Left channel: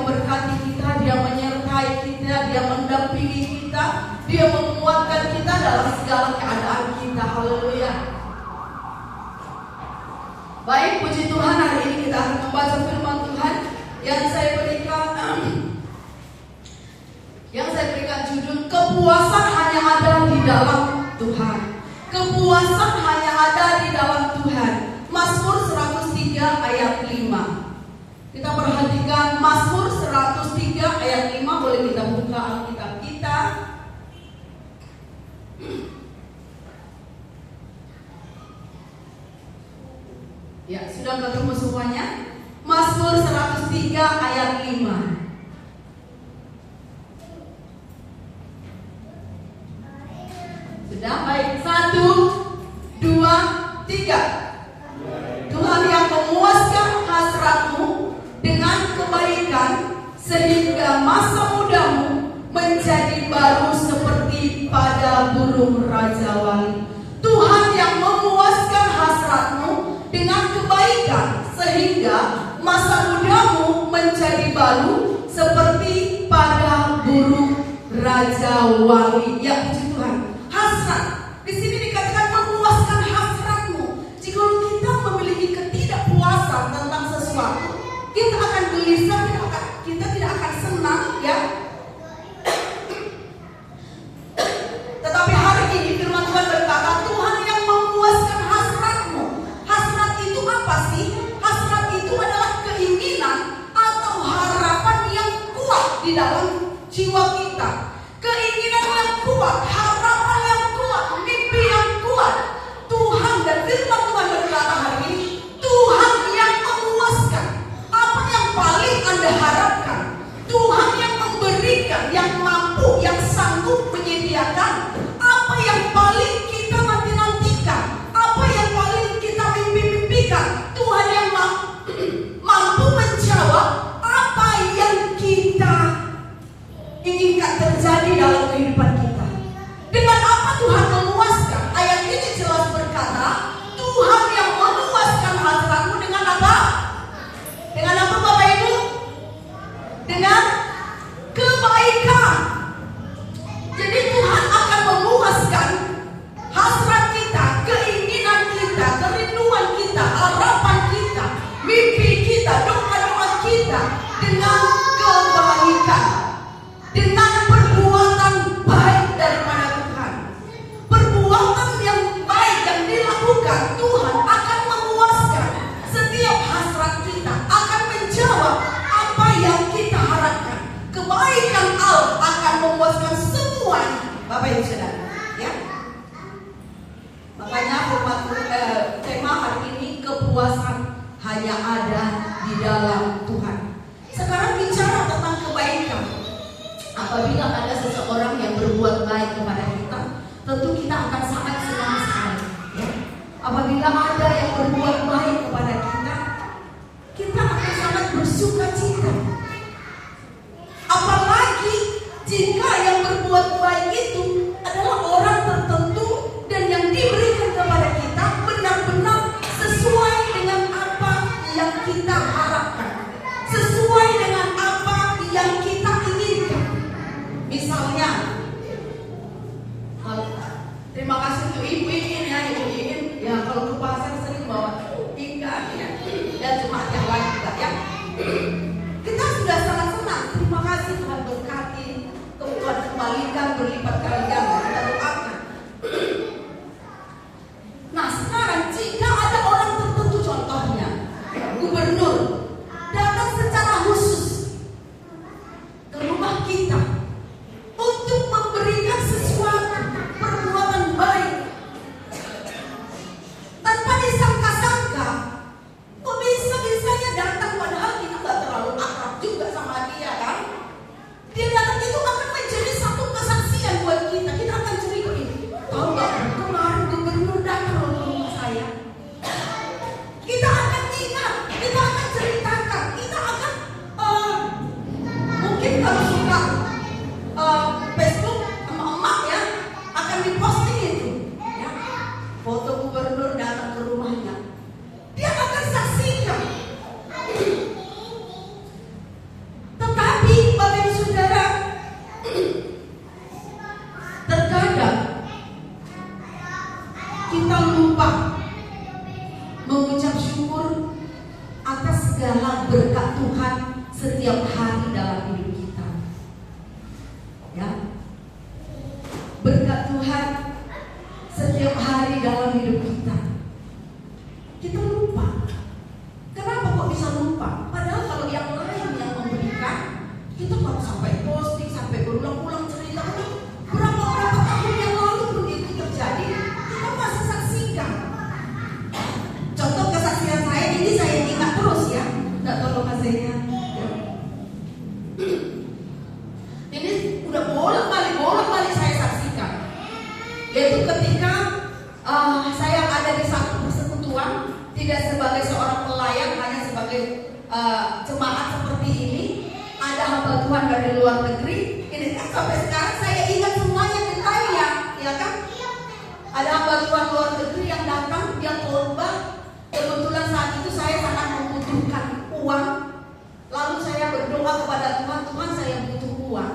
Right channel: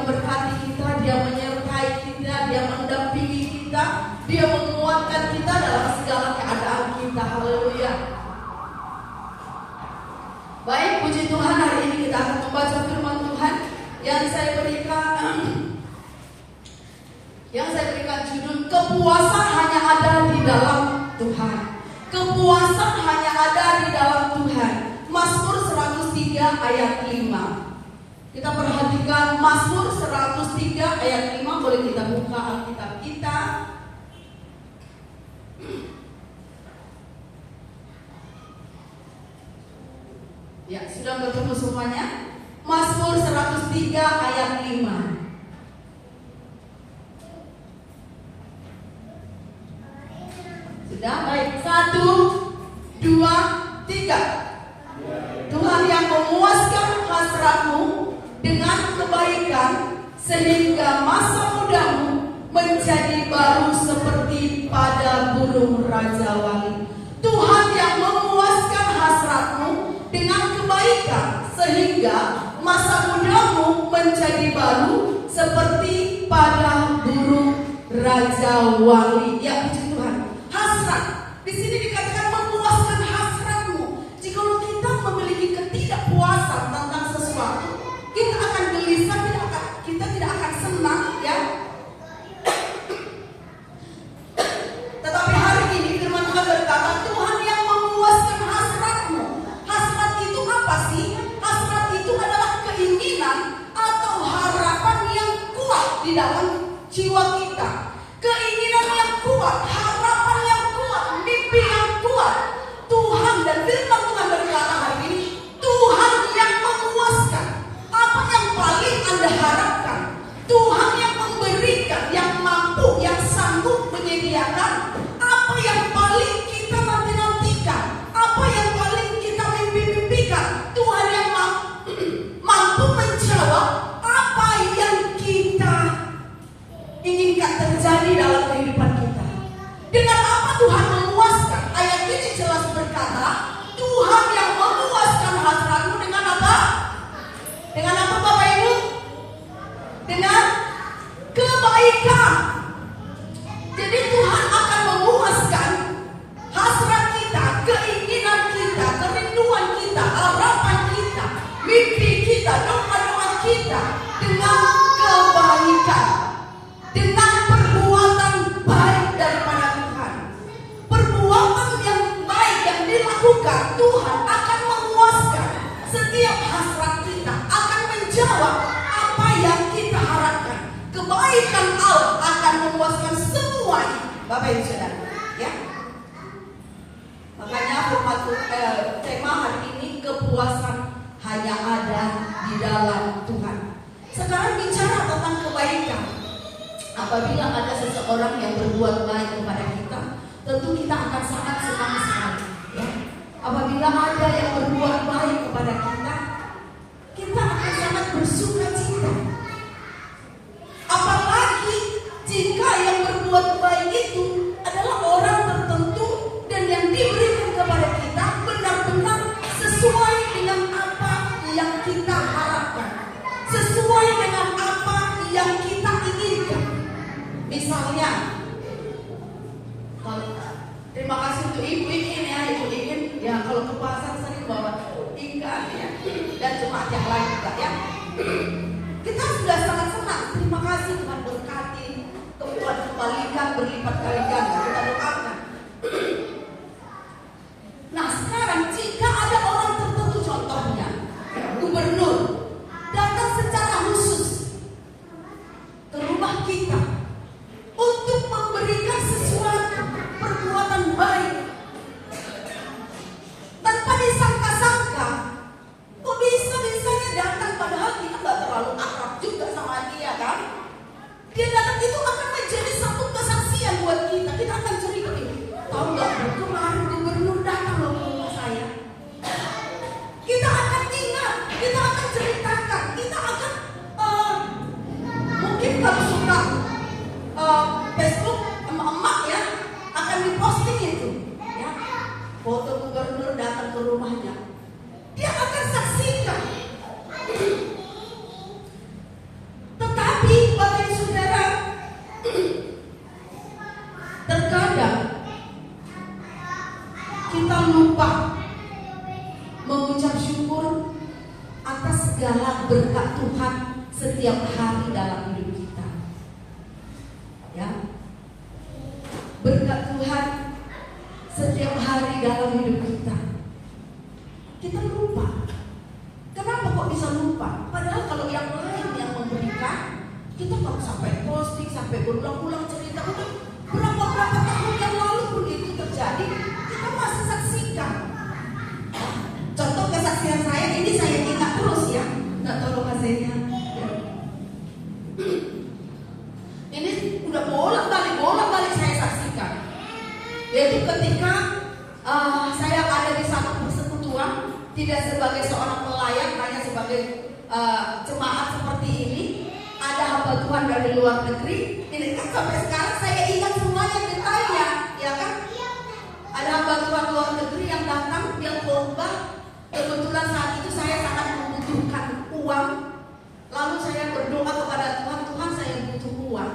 memberkati kita, Dia menyertai kita, Dia mendampingi kita, Dia menguatkan kita dalam segala keadaan kita. Haleluya. Baik, puji Tuhan, hari ini kita akan membaca firman Tuhan yang saya berikan judul kepuasan hanya ada di dalam Tuhan. Kepuasan hanya ada di dalam Tuhan. Mazmur 103 ayat 5. Kita perhatikan Mazmur 103 ayat 5. Boleh kita buka Alkitab kita. Ya, sudah bertemu semuanya? Mazmur 103 ayat 5. Sudah, baik. 1, 2, 3. Tuhan yang memuaskan hasratmu dengan kebaikan, sehingga masa mudamu menjadi baru seperti pada burung rajawali. Tuhan yang memuaskan hasratmu dengan kebaikan, sehingga masa mudamu menjadi baru seperti pada burung rajawali. Ya, puji Tuhan. Hasrat di sini dikatakan memuaskan hasratmu. Jika kita memiliki ketidakpuasan tentang sesuatu, kita akan gelisah, kita tidak akan senang, ya. Tetapi hari ini firman Tuhan berkata, Tuhan yang memuaskan hasratmu. Hasrat itu apa sih? Hasrat itu adalah keinginan atau harapan yang kuat di dalam jiwa kita. Keinginan yang kuat, harapan yang kuat, mimpi yang kuat. Tuhan dan firman Tuhan berkata hari ini, Tuhan yang memuaskan. Apa yang paling Anda harapkan? Tuhan yang memberikan, yang mampu, yang sanggup menyediakan. Apa yang paling kita nanti-nantikan? Apa yang paling kita mimpi-mimpikan? Tuhan yang mampu menjawab apa yang kita inginkan terjadi dalam kehidupan kita. Dengan apa Tuhan memuaskan? Ayat ini jelas berkata, Tuhan yang memuaskan hasratmu dengan apa? Dengan apa, Bapak Ibu? Dengan kebaikan. Jadi Tuhan akan memuaskan hasrat kita, keinginan kita, kerinduan kita, harapan kita, mimpi kita, doa-doa kita dengan kebaikan, dengan perbuatan baik daripada Tuhan. Perbuatan yang baik yang dilakukan, Tuhan akan memuaskan setiap hasrat kita, akan menjawab apa yang kita harapkan. Kebaikan Allah akan memuaskan semuanya, Bapak Ibu Saudara, ya. Makanya tema hari ini kepuasan hanya ada di dalam Tuhan. Sekarang bicara tentang kebaikan. Apabila ada seseorang yang berbuat baik kepada kita, tentu kita akan sangat senang sekali, ya. Apabila ada yang berbuat baik kepada kita, kita akan sangat bersuka cita. Apalagi jika yang berbuat baik itu adalah orang tertentu dan yang diberikan kepada kita benar-benar sesuai dengan apa yang kita harapkan, sesuai dengan apa yang kita inginkan. Misalnya, terima kasih untuk Ibu Iin, ya, Ibu Iin. Ya, kalau ke pasar sering bawa ikan, ya, dan cuma yang lain juga, ya. Kita sudah sangat senang. Terima kasih Tuhan berkati, Tuhan kembalikan berlipat kali ganda. Kita doakan. Nah, sekarang jika ada orang tertentu, contohnya gubernur, datang secara khusus ke rumah kita untuk memberikan sesuatu perbuatan baik, tanpa disangka-sangka, kok bisa-bisanya bersyukur atas segala berkat Tuhan setiap hari dalam hidup kita. Ya, berkat Tuhan setiap hari dalam hidup kita. Kita lupa. Kenapa kok bisa lupa? Padahal kalau yang lain yang memberikan, kita baru sampai posting, sampai berulang-ulang cerita. Berapa tahun yang lalu begitu terjadi, kita masih saksikan. Contoh kesaksian saya ini saya ingat terus ya. Nggak tahu Mas Zenya. Ini udah bolak-balik saya saksikan. Yaitu ketika saya ada di satu persekutuan, tidak sebagai seorang pelayan, hanya sebagai jemaat seperti ini. Ada hamba Tuhan dari luar negeri. Ini kan sampai sekarang saya ingat semuanya detailnya, ya kan? Ada hamba Tuhan luar negeri yang datang, yang khotbah. Kebetulan saat itu saya sangat membutuhkan uang. Lalu saya berdoa kepada Tuhan, Tuhan saya butuh uang.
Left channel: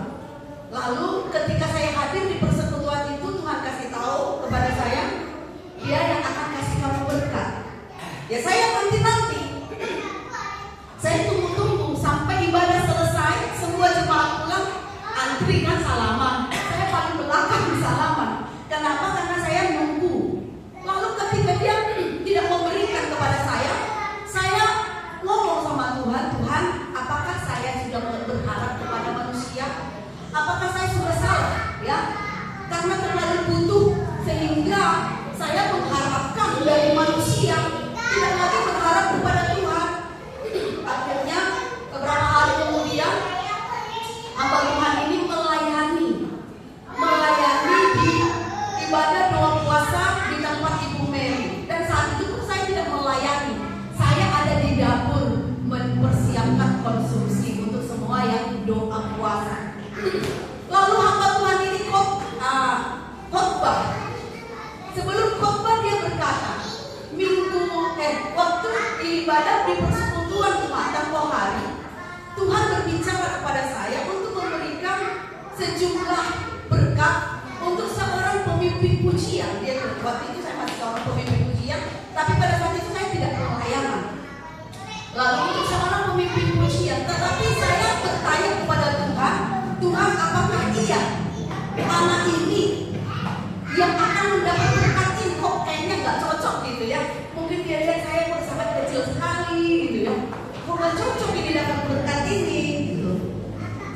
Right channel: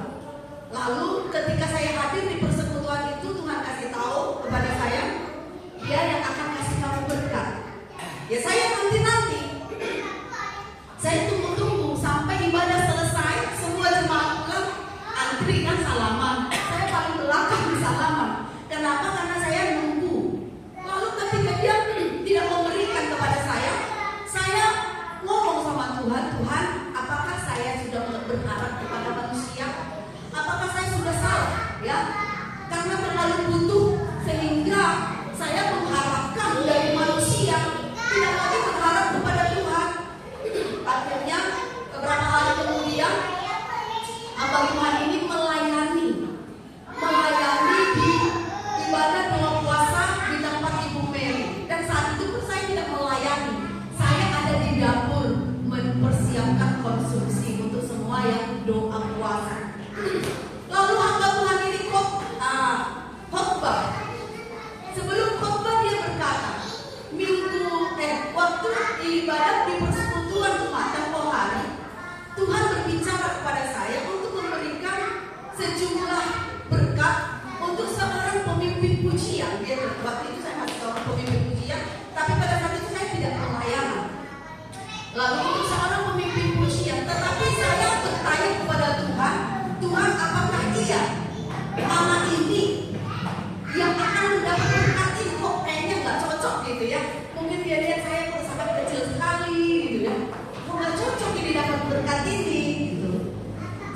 Lalu ketika saya hadir di persekutuan itu, Tuhan kasih tahu kepada saya, Dia yang akan kasih kamu berkat. Ya saya nanti. Saya tunggu sampai ibadah selesai, semua jemaat pulang, antri kan salaman. Saya paling belakang di salaman. Kenapa? Karena saya nunggu. Lalu ketika dia tidak memberikan kepada saya ngomong sama Tuhan, Tuhan, apakah saya sudah berharap kepada manusia? Apakah saya sudah salah? Ya, karena terlalu butuh sehingga saya mengharapkan dari manusia, tidak lagi berharap kepada Tuhan. Akhirnya beberapa hari kemudian hamba Tuhan ini melayani di ibadah doa puasa di tempat Ibu Mary. Dan saat itu pun saya tidak melayani, saya ada di dapur mempersiapkan konsumsi untuk semua yang doa puasa. Lalu hamba Tuhan ini khotbah. Sebelum khotbah dia berkata, waktu ibadah di persekutuan Jumat tempoh hari, Tuhan berbicara kepada saya untuk memberikan sejumlah berkat untuk seorang pemimpin pujian. Waktu itu saya masih seorang pemimpin pujian, tapi pada saat itu saya tidak pelayanan. Lalu untuk seorang pemimpin pujian, tetapi saya bertanya kepada Tuhan, Tuhan apakah iya anak ini yang akan mendapat berkat ini? Kok kayaknya nggak cocok gitu ya? Mungkin dia lihat saya sangat kecil sekali gitu ya. Kok nggak cocok ini dapat berkat ini gitu.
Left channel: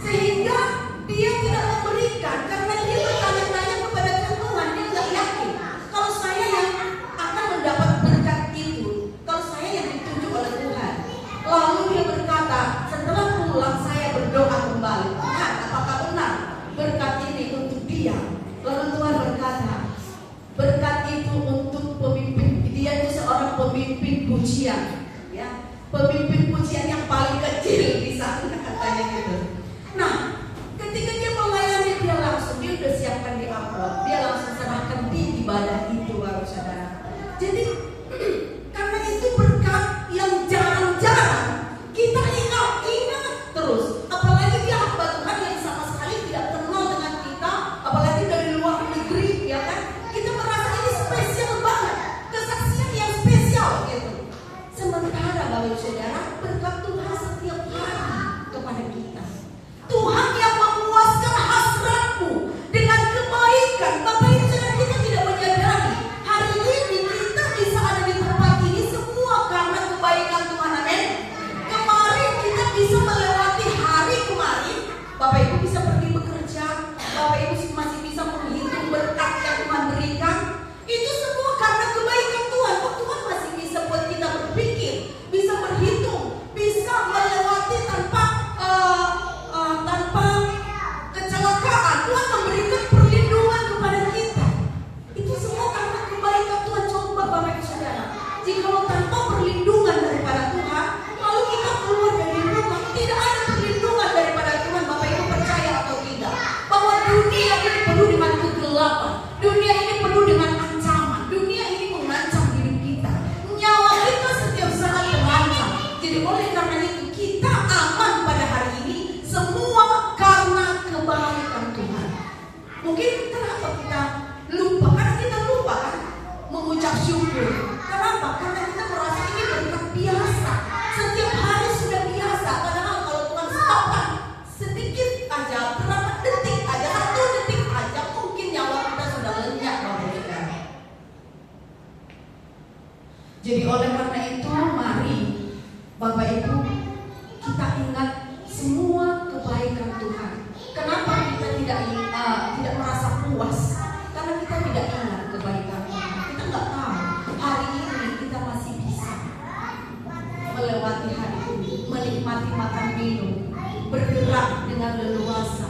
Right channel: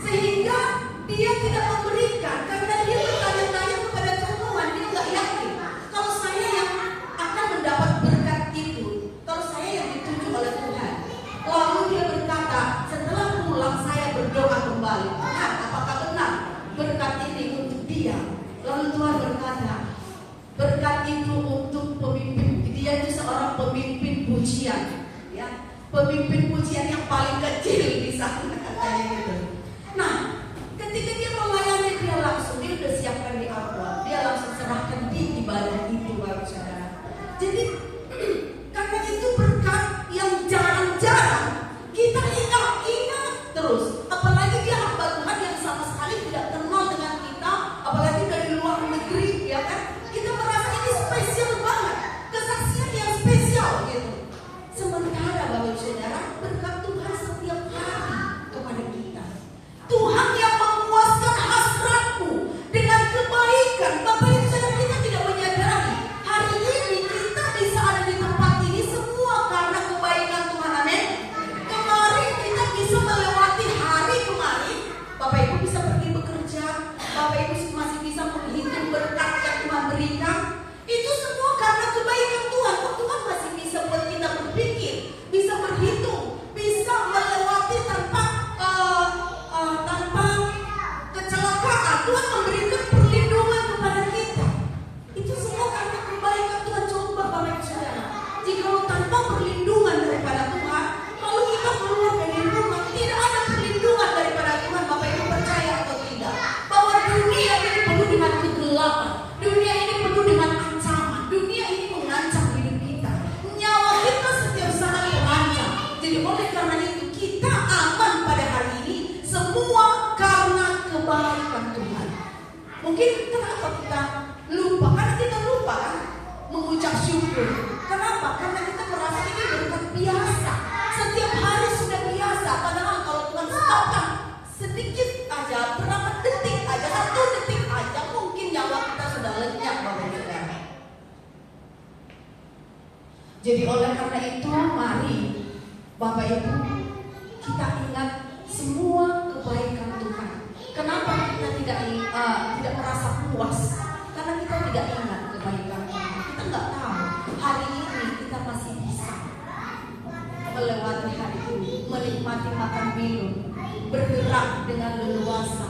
Sehingga dia tidak memberikan karena dia bertanya-tanya kepada Tuhan, dia nggak yakin kalau saya yang akan mendapat berkat itu, kalau saya yang dituju oleh Tuhan. Lalu dia berkata, setelah pulang saya berdoa kembali, Tuhan apakah benar berkat ini untuk dia? Lalu Tuhan berkata, berkat itu untuk pemimpin. Dia itu seorang pemimpin pujian, ya, pemimpin pujian yang paling kecil di sana katanya gitu. Nah, ketika dia melayani dia udah siapkan di amplop, dia langsung serahkan di ibadah itu, saudara. Jadi karena itu berkat yang jarang-jarang kita ingat terus. Apalagi dia hamba Tuhan yang sama sekali tidak kenal dengan kita, apalagi dari luar negeri, ya kan? Kita merasa ini spesial banget, kesaksian yang spesial gitu. Sementara Bapak Saudara, berkat Tuhan setiap hari kepada kita. Tuhan yang memuaskan hasratmu dengan kebaikan. Bapak Ibu Saudara, kita tidak menyadari hari ini kita bisa ada di tempat ini semua karena kebaikan Tuhan. Amin. Kemarin kita bisa melewati hari kemarin. Bapak Ibu bisa pergi bekerja, Bapak Ibu masih bisa menghitung berkat yang Tuhan berikan. Itu semua karena kebaikan Tuhan. Kok Tuhan masih bisa buat kita berpikir, bisa berhitung, bisa melewati tanpa Jadi oleh karena itu, mari Bapak Ibu kita ingat semua kebaikan Tuhan. Kenapa kita tidak merasa puas? Karena kita tidak ingat kebaikan Tuhan. Kita nggak tahu hari ini kita masih bisa melewati hari ini, menikmati makan minum, bergerak dengan leluasa.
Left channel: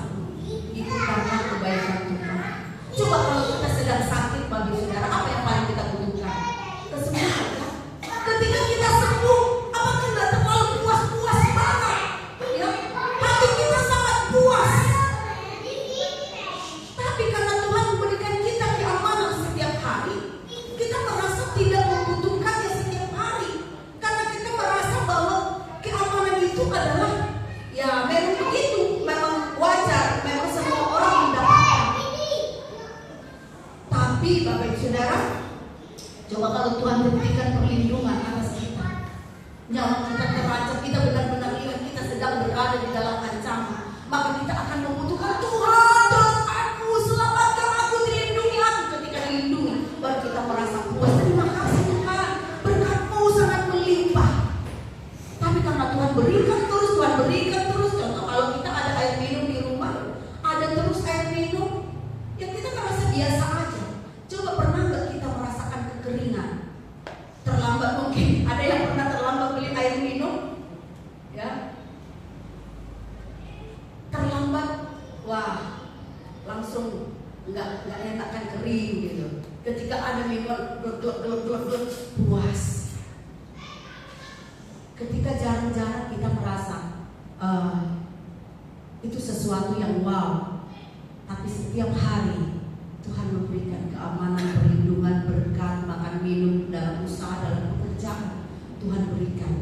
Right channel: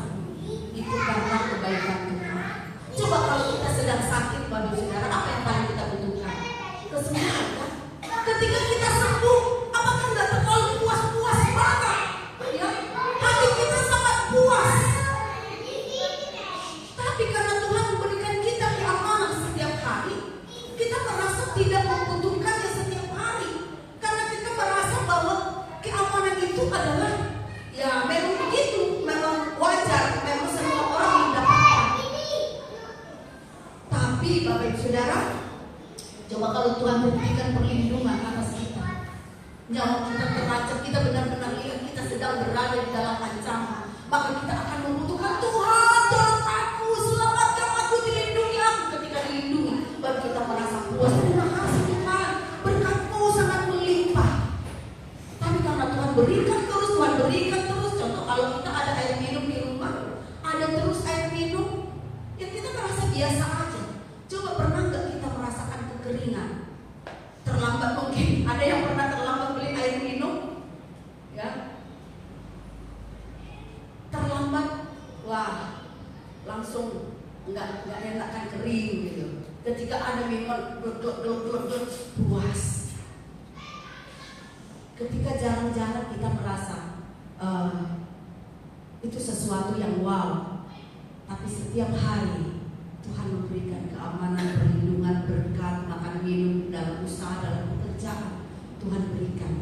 Itu karena kebaikan Tuhan. Coba kalau kita sedang sakit, Bapak Saudara, apa yang paling kita butuhkan? Kesembuhan. Ketika kita sembuh, apakah nggak terlalu puas-puas banget? Ya, hati kita sangat puas. Tapi karena Tuhan memberikan kita keamanan setiap hari, kita merasa tidak membutuhkannya setiap hari. Karena kita merasa bahwa keamanan itu adalah ya memang begitu, memang wajar, memang semua orang mendapatkan. Tapi Bapak Ibu Saudara, coba kalau Tuhan memberikan perlindungan atas kita, nyawa kita terancam, kita benar-benar ingat kita sedang berada di dalam ancaman, maka kita akan membutuhkan Tuhan, tolong aku, selamatkan aku, dilindungi aku. Ketika dilindungi, baru kita merasa puas. Terima kasih Tuhan, berkat-Mu sangat melimpah. Tapi karena Tuhan berikan terus, Tuhan berikan terus. Contoh kalau kita ada air minum di rumah, ada terus air minum, ya kita merasa biasa aja. Coba pernah nggak kita merasakan kekeringan? Terlambat mungkin. Ada yang pernah terlambat beli air minum? Ya. Terlambat, wah, langsung nggak enak, kan kering gitu. Ketika ada minuman gluk puas. Ketika jarang-jarang kita merasa itu sesuatu yang wow. Tapi setiap hari Tuhan memberikan keamanan, perlindungan, berkat, makan minum, dalam usaha, dalam pekerjaan. Tuhan berikan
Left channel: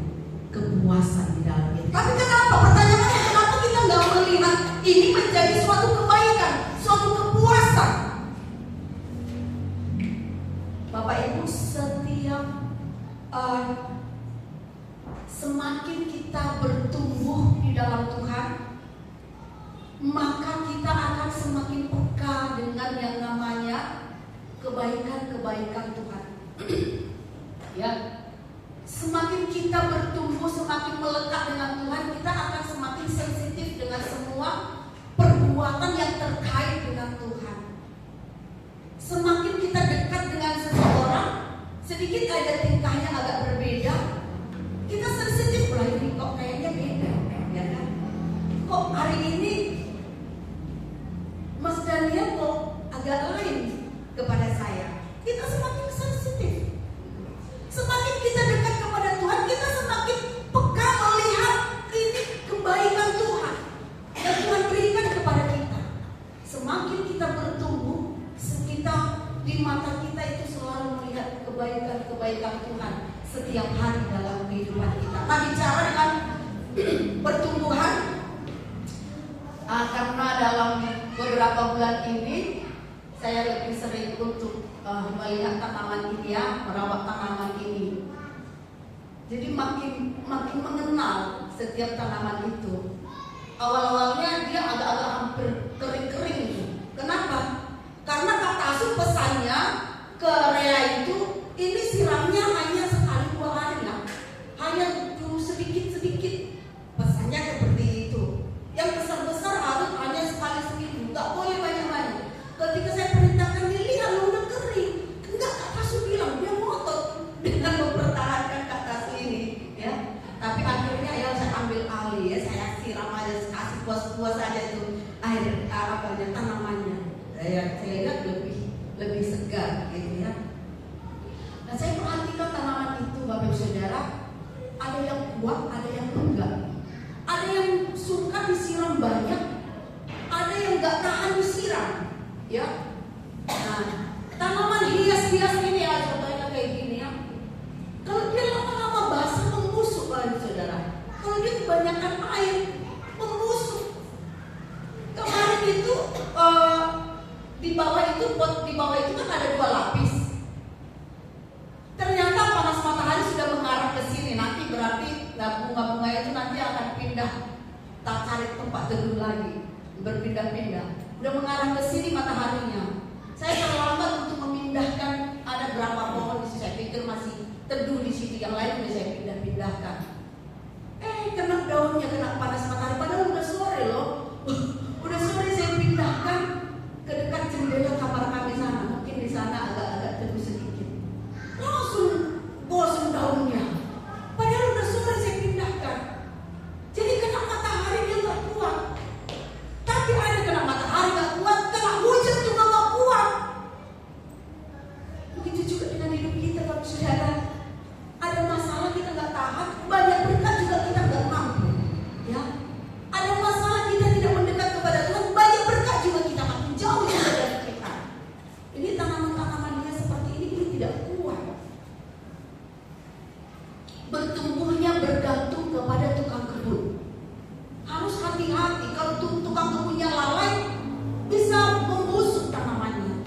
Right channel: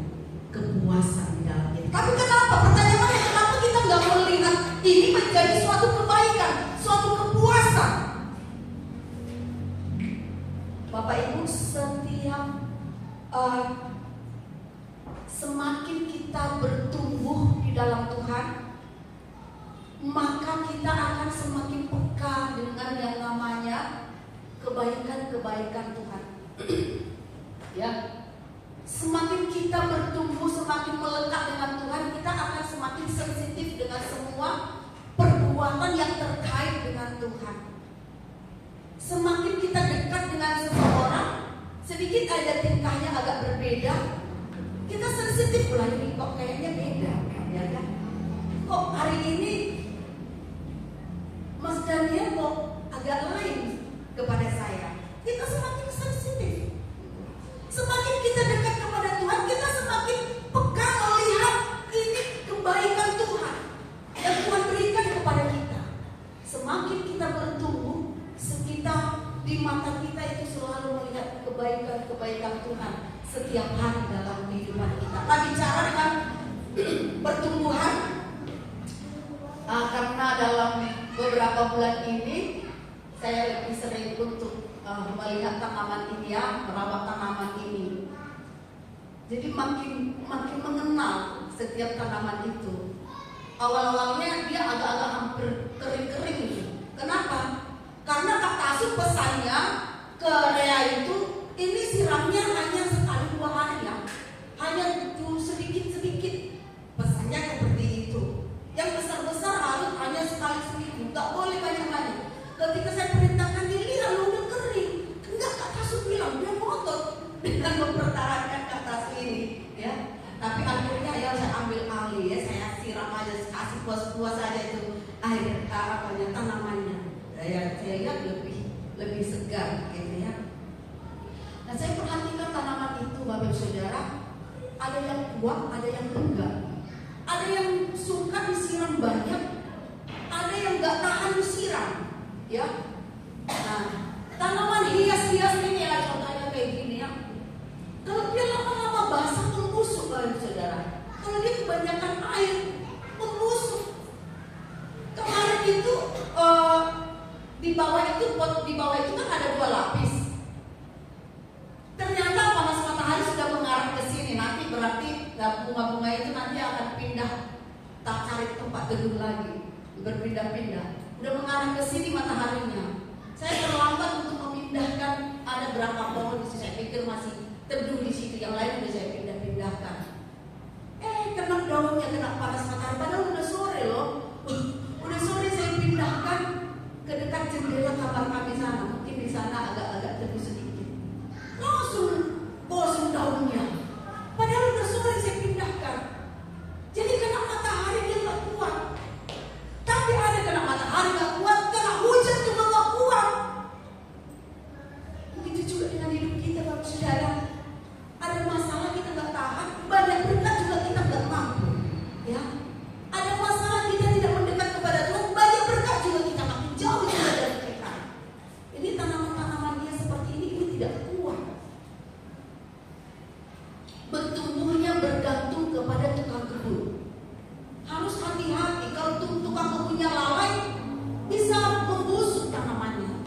kepuasan di dalam diri. Tapi kenapa? Pertanyaannya, kenapa kita nggak melihat ini menjadi suatu kebaikan, suatu kepuasan? Bapak Ibu, setiap semakin kita bertumbuh di dalam Tuhan, maka kita akan semakin peka dengan yang namanya kebaikan-kebaikan Tuhan. Ya, semakin kita bertumbuh, semakin melekat dengan Tuhan, kita akan semakin sensitif dengan semua perbuatan yang terkait dengan Tuhan. Semakin kita dekat dengan seseorang, sedikit aja tingkahnya agak berbeda, kita sensitif lah, ini kok kayaknya beda, ya kan? Kok hari ini Mas Daniel kok agak lain kepada saya. Kita semakin sensitif. Semakin kita dekat kepada Tuhan, kita semakin peka melihat ini kebaikan Tuhan yang Tuhan berikan kepada kita. Semakin kita bertumbuh, kita di mata kita itu selalu melihat kebaikan-kebaikan Tuhan setiap hari dalam kehidupan kita. Nah, bicara dengan pertumbuhan, karena dalam beberapa bulan ini saya lebih sering untuk melihat tanaman ini, ya, merawat tanaman ini. Jadi makin mengenal setiap tanaman itu. Awal-awalnya dia agak-agak hampir kering-kering gitu. Kenapa? Karena Kak Tasuk pesannya ke Rea itu, ini siramnya hanya sekali 2 hari lah, hanya sedikit-sedikit. Pesannya seperti itu. Yang besar-besar harus hanya sekali seminggu, nggak boleh banyak-banyak. Ketika saya perintahkan dia, lihat lo udah kering. Enggak, Kak Tasuk bilang dia ngotot dengan mempertahankan Kak Tasuk ini, ya. Tapi akhirnya ya saya ambil alih, ya, saya siram aja, kasih puas-puas aja itu air tanamannya. Saya lihat lebih segar, gitu ya. Nah, saya perhatikan tanaman itu, Bapak Saudara, ada yang kuat, ada yang enggak. Ada yang suka disiram banyak, ada yang nggak tahan disiram, ya. Nah, tanaman hias-hias ini ya, contohnya kayak gini ya. Kalau dia lama-lama basah, membusuk, Bapak Saudara. Kalau dia kebanyakan air, membusuk. Kemarin itu di bawah itu kan ada 2 lapis. Ternyata panas matahari sudah mengarah ke sini. Nanti berarti bunga-bunga itu nanti akan pindah, tak cari tempat teduh lagi, berpindah-pindah. Udah mengarah ke sini mataharinya. Saya terlambat untuk memindahkan, ada berapa pohon, saya pikir masih teduh di situ, yang lain udah saya pindah-pindahkan. Kena daunnya, kena panas matahari, padahal udah sore loh. Udah sore saya pindahkan ke dekat jendela kamar kami sana. Mungkin di sana agak-agak teduh sedikit. Langsung bosan daunnya. Padahal udah sore saya pindahkan. Jadi kena matahari dia gak kuat. Tapi ada kena matahari gak kuat, kena hujan juga gak kuat. Begitu juga dengan hidup kita, Bapak Saudara. Ada masalah kita gak tahan, banyak berkat juga kita gak mampu. Ya, ada masalah kita tidak mendekat kepada Tuhan, banyak berkat juga kita makin jauh dari kita. Ini tanaman-tanaman dia seperti ini pun tidak kuat. Bertumbuhnya bergantung kepada tukang kebun. Harus hati-hati, kalau tukang kebunnya lalai bisa membusuk tanamannya.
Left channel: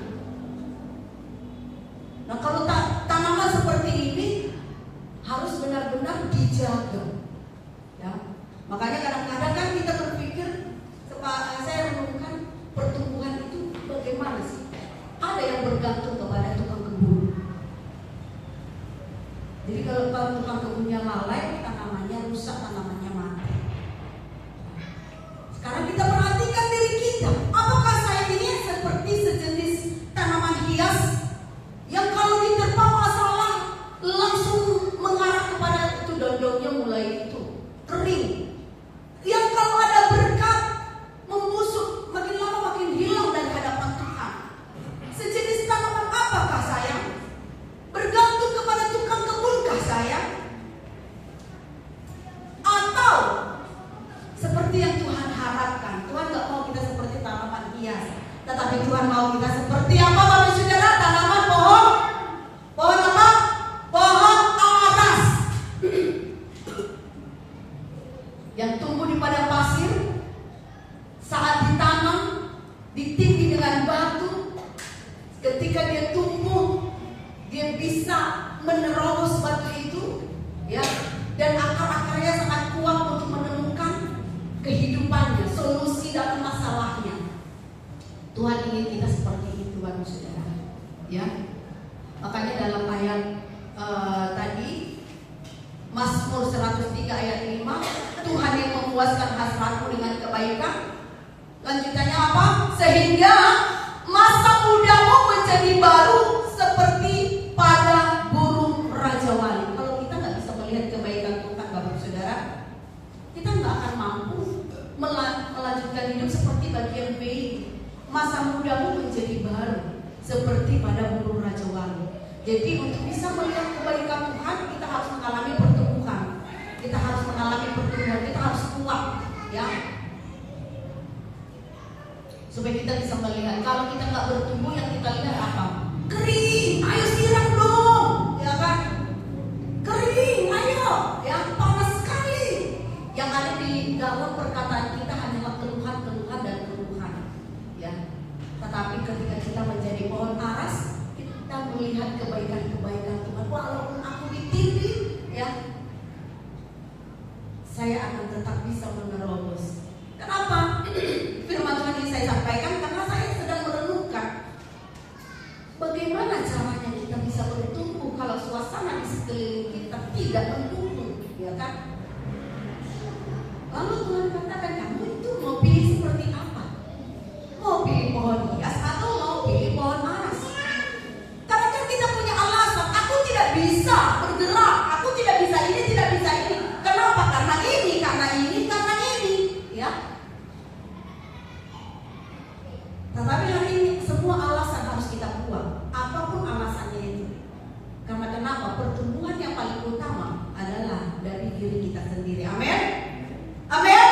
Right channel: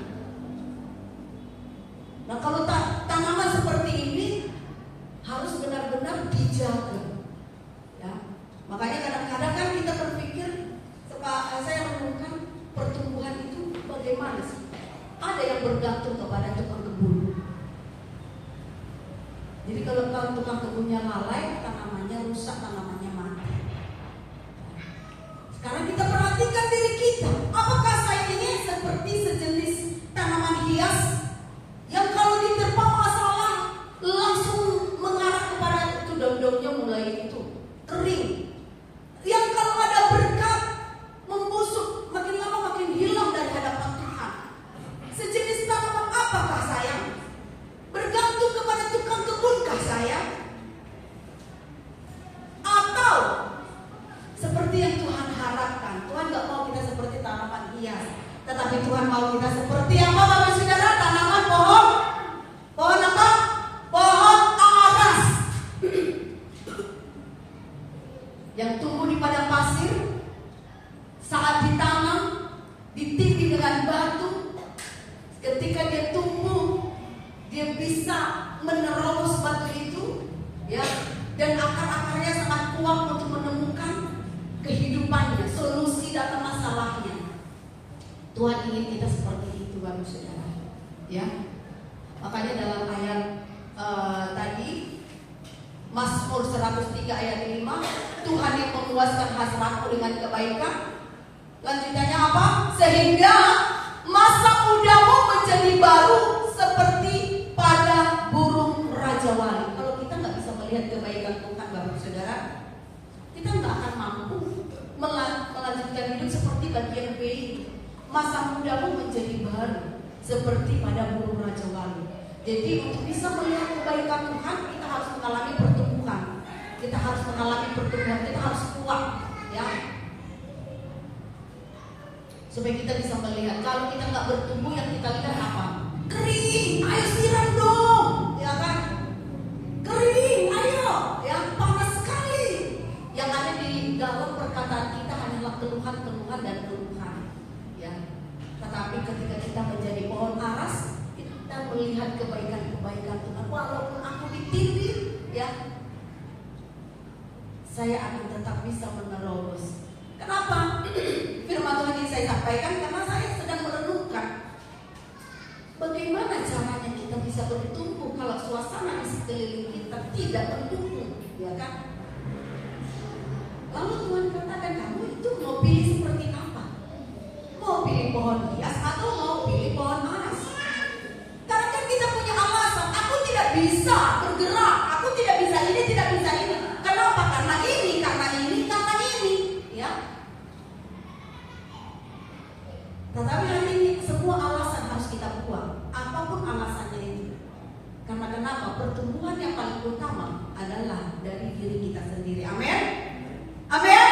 Nah, kalau tanaman seperti ini harus benar-benar dijaga. Ya. Makanya kadang-kadang kan kita berpikir, saya menemukan pertumbuhan itu bagaimana sih? Ada yang bergantung kepada tukang kebun. Jadi kalau tukang kebunnya lalai, tanamannya rusak, tanamannya mati. Sekarang kita perhatikan diri kita. Apakah saya ini seperti sejenis tanaman hias yang kalau diterpa masalah langsung mengarah kepada itu, daun-daunnya mulai itu kering. Yang kalau ada berkat membusuk, makin lama makin hilang dari hadapan Tuhan. Sejenis tanaman apakah saya? Bergantung kepada tukang kebunkah saya? Atau seperti yang Tuhan harapkan? Tuhan gak mau kita seperti tanaman hias, tetapi Tuhan mau kita seperti apa, Bapak Saudara? Tanaman pohon apa? Pohon aras yang tumbuh di padang pasir. Saat ditanam, ditindih dengan batu, ketika dia tumbuh, dia bisa menerobos batu itu, ya, dan akar-akarnya sangat kuat untuk menemukan kehidupannya, solusi dalam masalahnya. Tuhan ingin kita seperti itu, Bapak Saudara. Ya, makanya dalam ayat tadi Mazmur 103 ayat 5, Tuhan yang memuaskan hasratku dengan kebaikan. Lanjutannya apa? Sehingga masa mudamu menjadi baru seperti pada burung rajawali. Kalau kita nggak bisa melihat kebaikan Tuhan, Bapak Saudara, kita nggak akan mampu melanjutkan hidup seperti bagian B. Masa mudamu menjadi baru seperti pada burung rajawali. Jadi untuk bisa melihat kebaikan Tuhan, kita harus mengalami pertumbuhan. Kita harus mengalami pertumbuhan, kita harus kuat, ya. Supaya kita bisa melihat. Kalau kita nggak bertumbuh, yang kita lihat apa? Kering, ayo siram dong, ya kan? Kering, ayo, ya, panas sekali. Yang ada di dalam perkataan kita hanyalah keluhan dan keluhan, ya. Tetapi ketika kita menjadi pohon aras, kita melihat kebaikan-kebaikan Tuhan. Walaupun aku ditindih, ya, saya akan tetap bisa menerobos. Kenapa? Firman Tuhan ini saya sampaikan karena saya sedang merenungkan bagaimana caranya kita bisa bertumbuh kalau suasana di sekeliling kita tidak mendukung, ya kan? Lalu Tuhan katakan, kamu itu mau pilih seperti apa? Mau pilih pohon hias atau mau pilih pohon aras? Karena kan kita punya alasan, aku tidak bisa bergerak, aku tidak bisa ini, tidak bisa ini. Kenapa? Karena ini, ya. Tetapi hari ini semua alasan harus kita buang, apapun alasannya ini. Karena kenapa? Pertumbuhan yang paling utama adalah dari diri kita sendiri. Amin. Amin.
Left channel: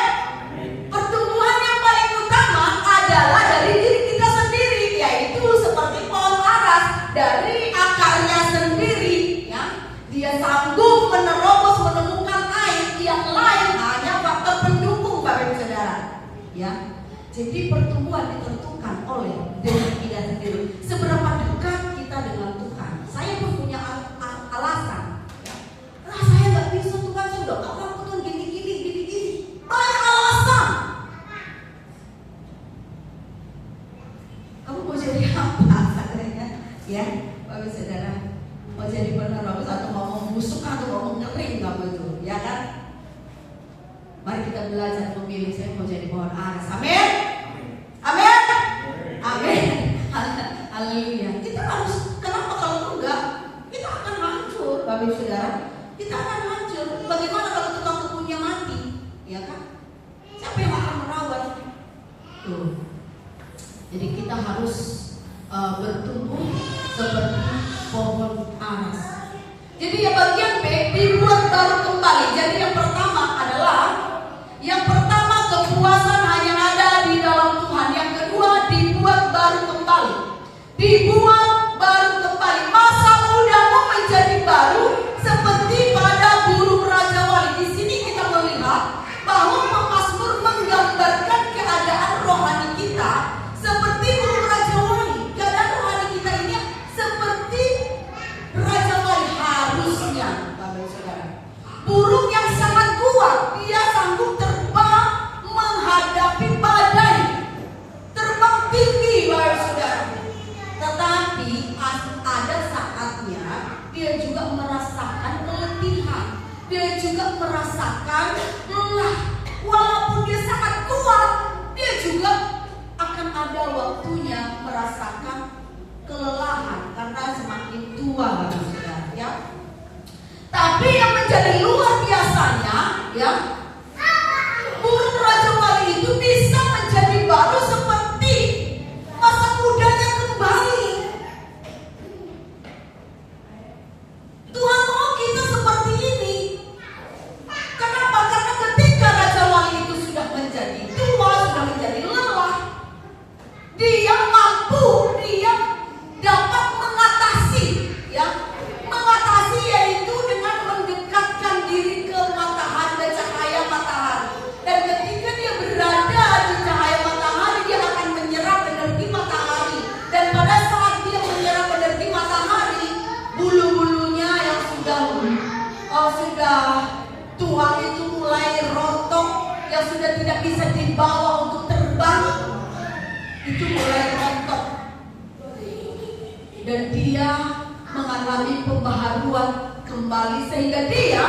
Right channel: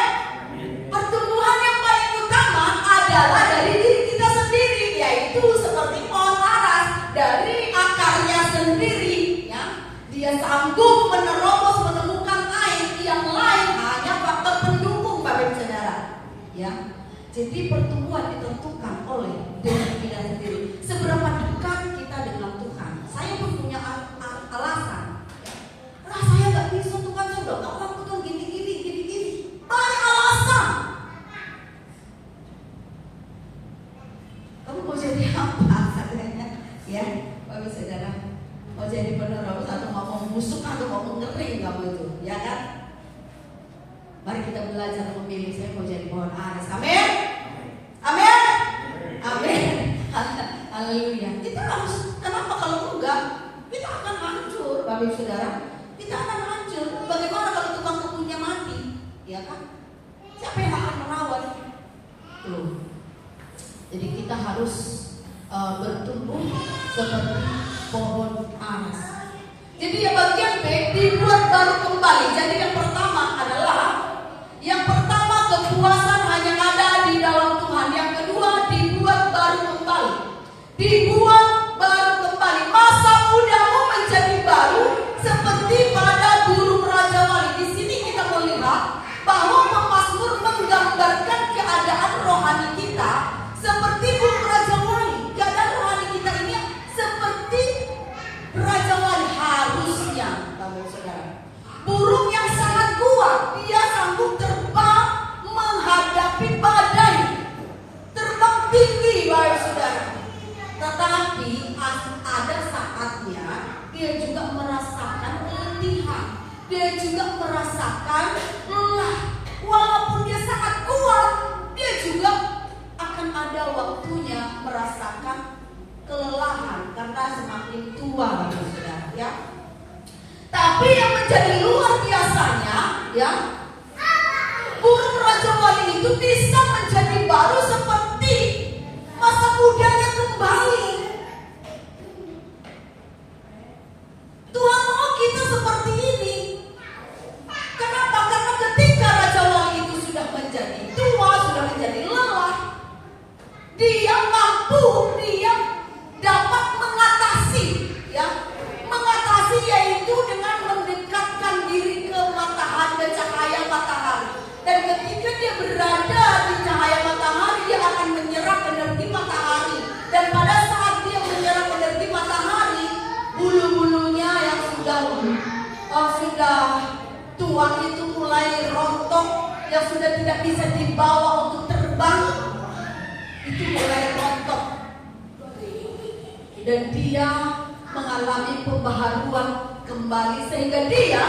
Pertumbuhan yang paling utama adalah dari diri kita sendiri, yaitu seperti pohon aras, dari akarnya sendiri, ya. Dia sanggup menerobos, menemukan air. Yang lain hanya faktor pendukung, Bapak Saudara, ya. Jadi pertumbuhan ditentukan oleh diri kita sendiri. Seberapa dekat kita dengan Tuhan. Saya pun punya alasan, ya. Nah, saya nggak bisa, Tuhan, sudah nggak mampu, Tuhan, gini. Banyak alasan. Kamu mau jadi apa? Ya, Bapak Saudara, mau jadi penerobos atau mau membusuk Mari kita belajar memilih. Saya mau jadi pohon aras. Amin. Amin. Amin. Haleluya. Kita harus, kenapa kalau enggak kita akan hancur, Bapak Ibu Saudara. Kita akan hancur. Bagaimana kalau tukang kebunnya mati? Ya kan? Siapa yang akan merawat? Tuh. Jadi kita harus bertumbuh seperti pohon aras. Jadi yang bagian B, dibuat baru kembali. Jadi yang pertama adalah, yang pertama kepuasan hanya ada di dalam Tuhan. Yang kedua dibuat baru kembali. Dibuat baru kembali. Masa mudamu menjadi baru seperti pada burung Raja Wali. Di sini kita melihat bahwa pemazmur menggambarkan keadaan rohani kita seperti burung Raja Wali. Keadaan rohani kita ini seperti Raja Wali harusnya, Bapak Saudara. Burung yang sangat kuat, dia sanggup terbang menghadapi badai, terbang tinggi, Bapak Saudara. Tetapi ada saatnya dia juga merasakan keletihan, dia juga merasakan lelah. Walaupun dia sangat kuat, dia juga akan ada waktunya merasakan kelelahan karena semakin tua, Bapak Saudara, ya. Tapi yang menjadi luar biasanya, ya, burung Raja Wali itu bisa menjadi baru seperti masa mudanya kembali. Tuhan mau kita seperti ini. Kenapa? Karena ketika Raja Wali itu sudah menjadi tua, sudah menjadi lelah, dia mampu, dia dapat mengatasi, ya, mengatasi yaitu dengan mendekatkan diri ke matahari dan cahaya matahari. Dan ketika dia berada di cahaya matahari, dia akan menyerap energi matahari. Dan pada saat dia menyerap energi matahari, bulu-bulunya yang sudah tua itu mulai rontok, yang sudah tidak bisa dibawa untuk terbang, itu mulai rontok. Dan dia mengalami pembaharuan kembali sehingga dia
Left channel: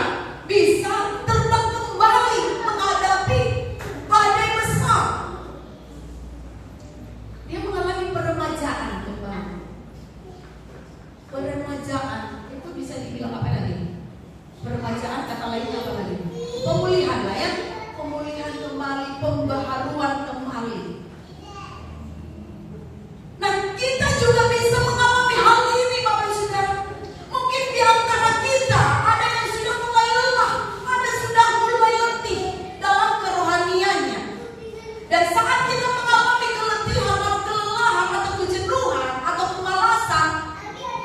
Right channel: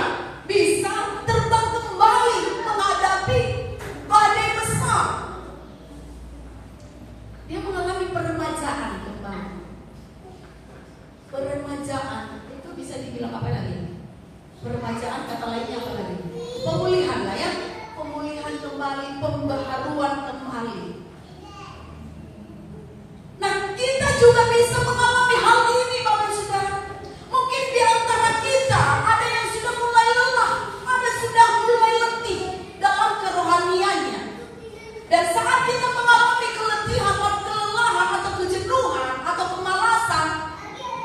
bisa terbang kembali menghadapi badai besar. Dia mengalami peremajaan kembali. Peremajaan itu bisa dibilang apa lagi? Peremajaan kata lainnya apa lagi? Pemulihan lah ya. Pemulihan kembali, pembaharuan kembali. Nah, kita juga bisa mengalami hal ini, Bapak Saudara. Mungkin di antara kita ada yang sudah mulai lelah, ada sudah mulai letih dalam kerohaniannya. Dan saat kita mengalami keletihan atau kelelahan atau kejenuhan atau kemalasan,